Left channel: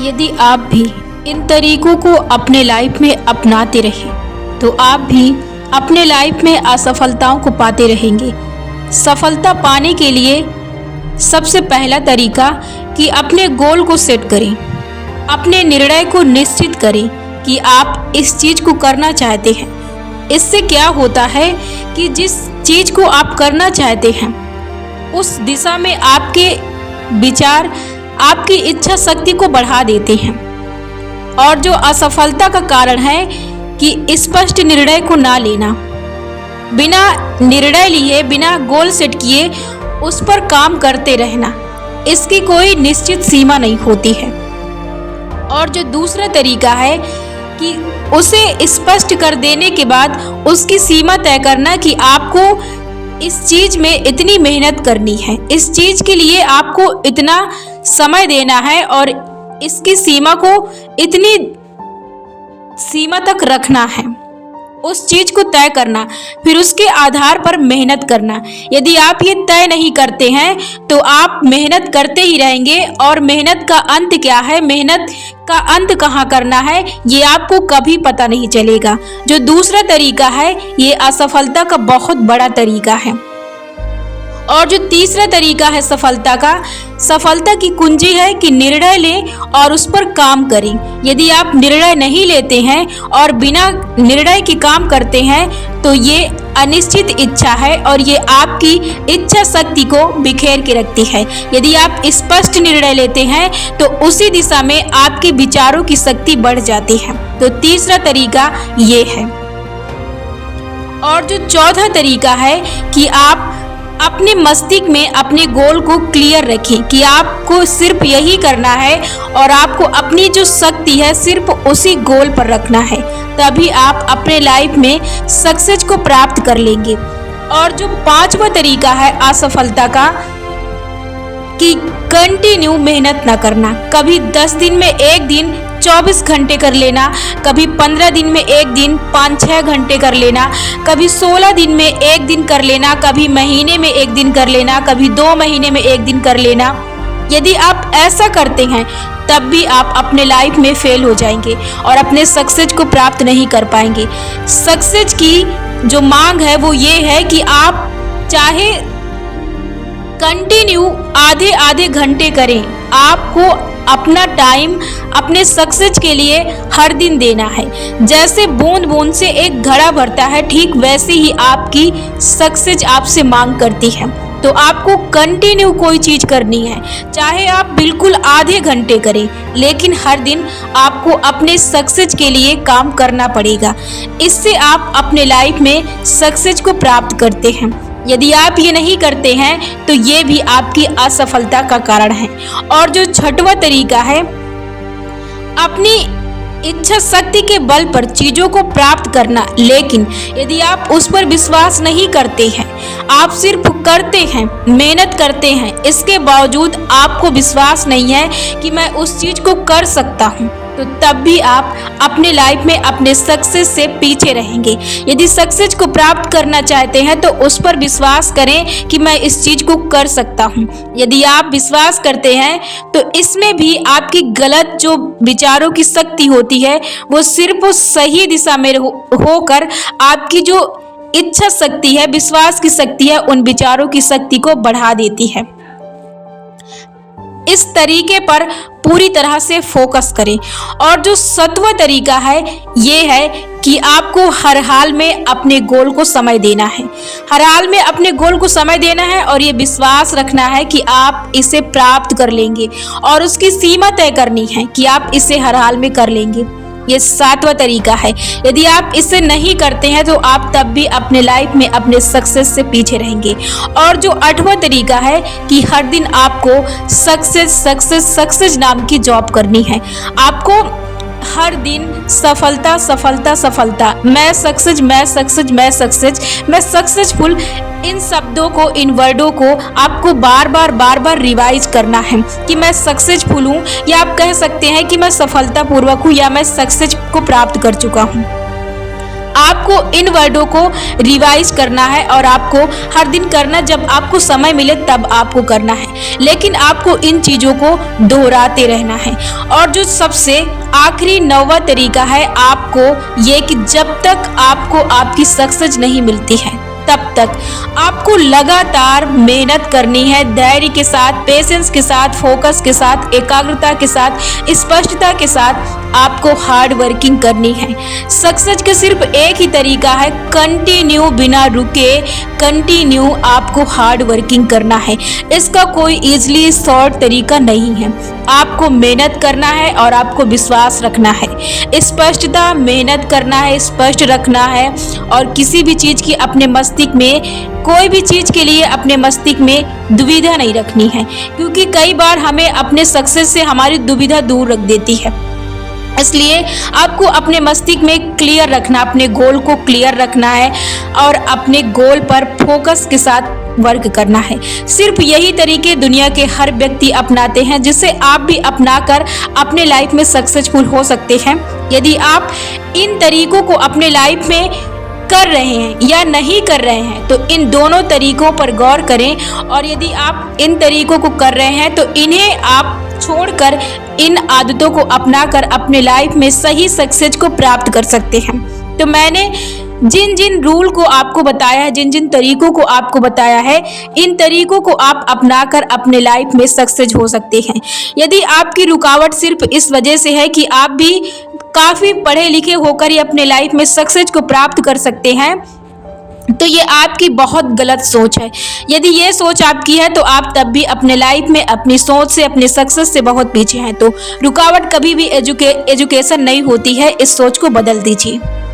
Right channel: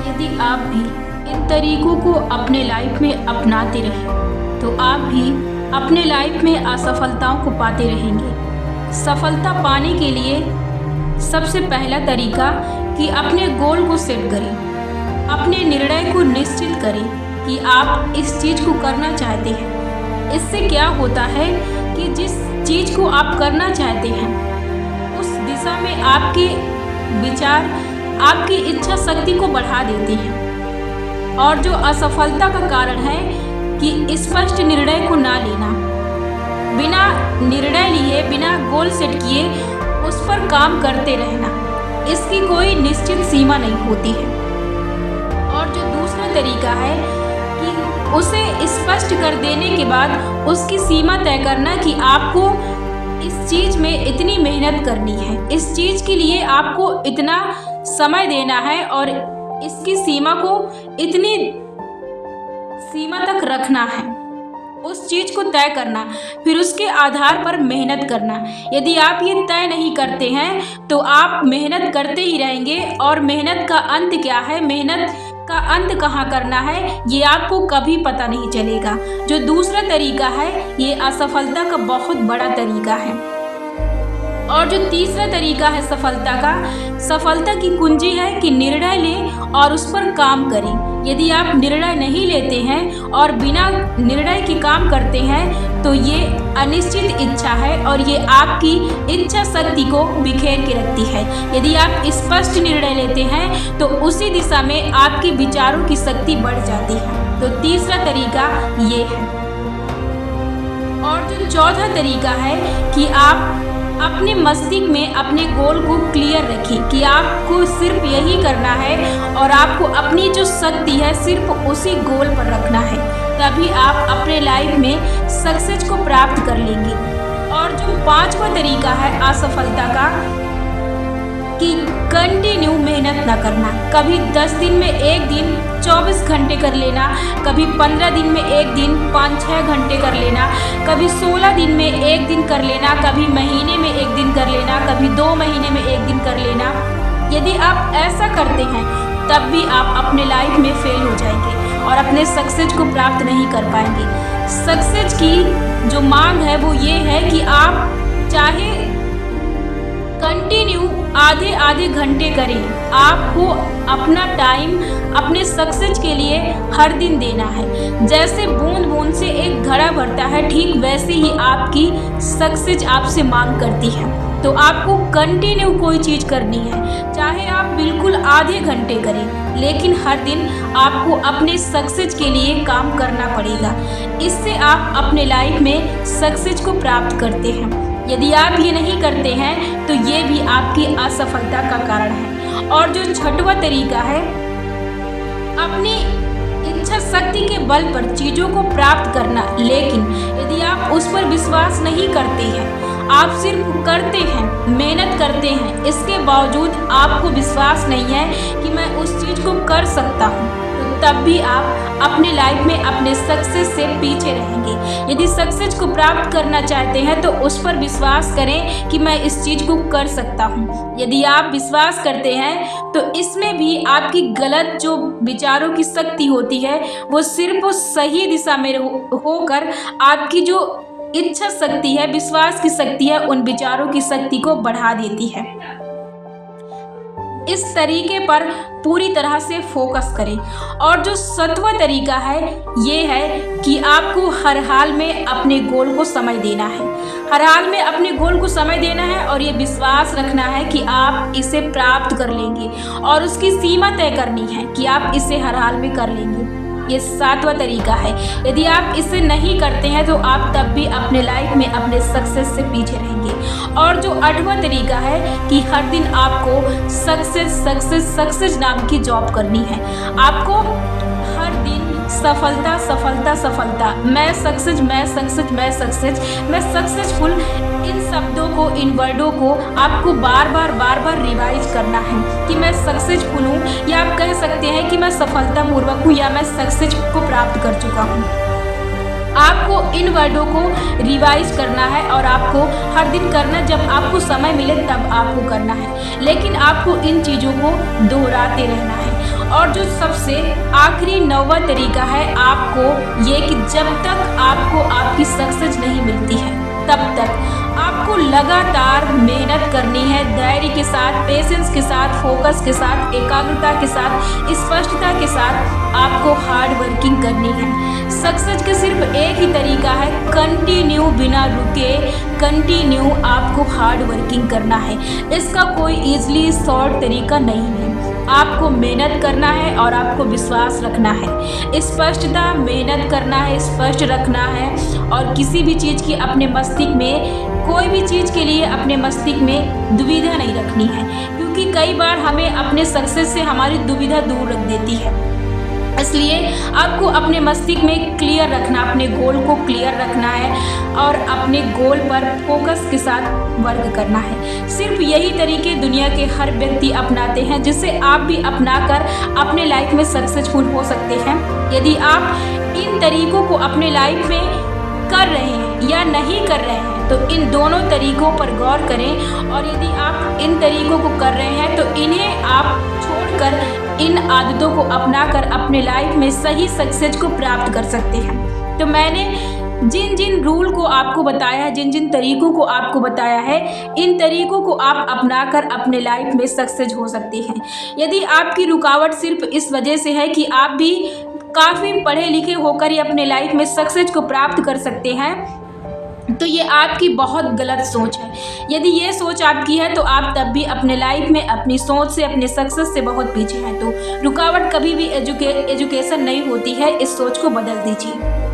यदि आप भी इन तरीकों को अपने लाइफ में अपनाते रहे तो आप भी अपने लाइफ में असफलताओं को पाते रहेंगे। सफलता पाने के लिए सबसे पहला तरीका कि अपने गोल को सेट करें, अपने निर्णय को निश्चित करें कि आप इस चीज़ को करना चाहते हैं। इससे क्या होता है कि जिस चीज़ को आप करना चाहते हैं उस दिशा में आपके विचार आपकी इच्छा शक्ति को बढ़ा देते हैं। और जो असफलता का कारण है कि स्पष्ट निर्णय को ना लेना, बिना निर्णय लिए, बिना गोल सेट किए उस पर काम करते रहना, इसकी कोई निश्चित सीमा नहीं होती है। और जो दूसरा तरीका है कि उसे स्पष्ट कर देने के बाद उसकी सीमा तय करना कि आपको इस चीज़ में इतनी मेहनत करनी है, इस चीज़ के लिए आपको इतना समय देना है और इसकी सीमा को इतनी सीमा तक रखना है, उस चीज़ को तय करना, फिर उसके आधार पर मेहनत करना। यदि आप ये तय नहीं करते हैं तो आप मेहनत करते ही रहेंगे और मेहनत का अंत क्या है, मेहनत का अंत कहाँ करना है, ये आपको कभी पता नहीं चलेगा। जो दूसरा तरीका है ये असफलता का बहुत बड़ा तरीका है। और जो तीसरा तरीका है सफलता की कुंजी है कि निर्णय लें और उस पर काम करें। यदि आप निर्णय नहीं लेते हैं और बिना निर्णय के काम करते हैं तो ये अनिश्चित इच्छा है और ये आपकी इच्छा शक्ति को बिखेर के रखती है। यदि आप स्पष्ट निर्णय लेते हैं तो उसी दिशा में आपके विचारों की शक्ति बढ़ जाती है। तो तीसरा तरीका ये है। और जो चौथा तरीका है कि आप अपने मस्तिष्क में अपने गोल को क्लियर रखें कि आपको सिर्फ यही करना है और आपको अपनी जो शक्ति है सिर्फ उसी गोल पर रखना है, तभी आप अपने लाइफ में सक्सेस को प्राप्त कर लेंगे। और जो पांचवा तरीका है असफलता का कि कंटिन्यू मेहनत ना करना, कभी 10 दिन में एक दिन 24 घंटे कर लेना, कभी 15 दिन में एक दिन 5-6 घंटे कर लेना, कभी 16 दिन में एक दिन कर लेना, कभी महीने में एक दिन कर लेना, कभी 2 महीने में एक दिन कर लेना। यदि आप ऐसा करते हैं तब भी आप अपने लाइफ में फेल हो जाएंगे और अपने सक्सेस को प्राप्त नहीं कर पाएंगे। सक्सेस की जो मांग है वो ये है कि आप चाहे कंटिन्यू आधे आधे घंटे करें, आपको अपना टाइम अपने सक्सेस के लिए हर दिन देना है। जैसे बूंद बूंद से एक घड़ा भरता है, ठीक वैसे ही आपकी सक्सेस आपसे मांग करती है। तो आपको कंटिन्यू कोई चीज़ करनी है, चाहे आप बिल्कुल आधे घंटे करें, लेकिन हर दिन आपको अपने सक्सेस के लिए काम करना पड़ेगा। इससे आप अपने लाइफ में सक्सेस को प्राप्त करते हैं। यदि आप ये नहीं करते हैं तो ये भी आपकी असफलता का कारण है। और जो छठवां तरीका है अपनी इच्छा शक्ति के बल पर चीज़ों को प्राप्त करना, लेकिन यदि आप उस पर विश्वास नहीं करते हैं, आप सिर्फ करते हैं, मेहनत करते हैं, इसके बावजूद आपको विश्वास नहीं है कि मैं उस चीज़ को कर सकता हूँ, तो तब भी आप अपने लाइफ में अपने सक्सेस से पीछे रहेंगे। यदि सक्सेस को प्राप्त करना चाहते हैं तो उस पर विश्वास करें कि मैं इस चीज़ को कर सकता हूँ। यदि आप विश्वास करते हैं तो इसमें भी आपकी गलत जो विचारों की शक्ति होती है वो सिर्फ सही दिशा में होकर आपकी जो इच्छा शक्ति है, विश्वास की शक्ति है, उन विचारों की शक्ति को बढ़ा देती है। इस तरीके पर पूरी तरह से फोकस करें। और जो 7वां तरीका है ये है कि आपको हर हाल में अपने गोल को समय देना है। हर हाल में अपने गोल को समय देना है और ये विश्वास रखना है कि आप इसे प्राप्त कर लेंगे और उसकी सीमा तय करनी है कि आप इसे हर हाल में कर लेंगे। ये 7वां तरीका है। यदि आप इसे नहीं करते हैं तो आप तब भी अपने लाइफ में अपने सक्सेस से पीछे रहेंगे। और जो 8वां तरीका है कि हर दिन आपको सक्सेस नाम की जॉब करनी है। आपको हर दिन सफलता, मैं सक्सेसफुल, इन शब्दों को, इन वर्डों को आपको बार बार रिवाइज करना है कि मैं सक्सेसफुल हूँ, या आप कह सकते हैं कि मैं सफलतापूर्वक हूँ या मैं सक्सेस को प्राप्त कर चुका हूँ। आपको इन वर्डों को रिवाइज करना है और आपको हर दिन करना, जब आपको समय मिले तब आपको करना है, लेकिन आपको इन चीज़ों को दोहराते रहना है। और जो सबसे आखिरी 9वां तरीका है आपको ये कि जब तक आपको आपकी सक्सेस नहीं मिलती है तब तक आपको लगातार मेहनत करनी है, धैर्य के साथ, पेशेंस के साथ, फोकस के साथ, एकाग्रता के साथ, स्पष्टता के साथ आपको हार्ड वर्किंग करनी है। सक्सेस का सिर्फ एक ही तरीका है, कंटिन्यू, बिना रुके कंटिन्यू आपको हार्ड वर्किंग करना है। इसका कोई इजीली शॉर्ट तरीका नहीं है। आपको मेहनत करना है और आपको विश्वास रखना है, स्पष्टता, मेहनत करना है, स्पष्ट रखना है और किसी भी चीज़ की अपने मस्तिष्क में, कोई भी चीज़ के लिए अपने मस्तिष्क में दुविधा नहीं रखनी है, क्योंकि कई बार हमें अपने सक्सेस से हमारी दुविधा दूर रख देती है। इसलिए आपको अपने मस्तिष्क में क्लियर रखना, अपने गोल को क्लियर रखना है और अपने गोल पर फोकस के साथ वर्क करना है। सिर्फ यही तरीके दुनिया के हर व्यक्ति अपनाते हैं, जिससे आप भी अपनाकर अपने लाइफ में सक्सेसफुल हो सकते हैं। यदि आप इन तरीकों को अपने लाइफ में कर रहे हैं या नहीं कर रहे हैं तो इन दोनों तरीकों पर गौर करें, और यदि आप इन तरीकों को कर रहे हैं तो इन्हें आप छोड़कर इन आदतों को अपनाकर अपने लाइफ में सही सक्सेस को प्राप्त कर सकते हैं। तो मैंने जिन जिन रूल को आपको बताया है, जिन जिन तरीकों को आपको बताया है, इन तरीकों को आप अपनाकर अपने लाइफ में सक्सेस हो सकते हैं। यदि आपकी रुकावट सिर्फ इस वजह से है कि आप भी काफ़ी पढ़े लिखे होकर ही अपने लाइफ में सक्सेस को प्राप्त कर सकते हैं, तो ये आपकी बहुत गलत सोच है। यदि ये सोच आपकी है तो आप तब भी अपने लाइफ में अपनी सोच से, अपने सक्सेस से बहुत पीछे हैं। तो रुकावट कभी भी एजुकेशन नहीं होती है, इस सोच को बदल दीजिए।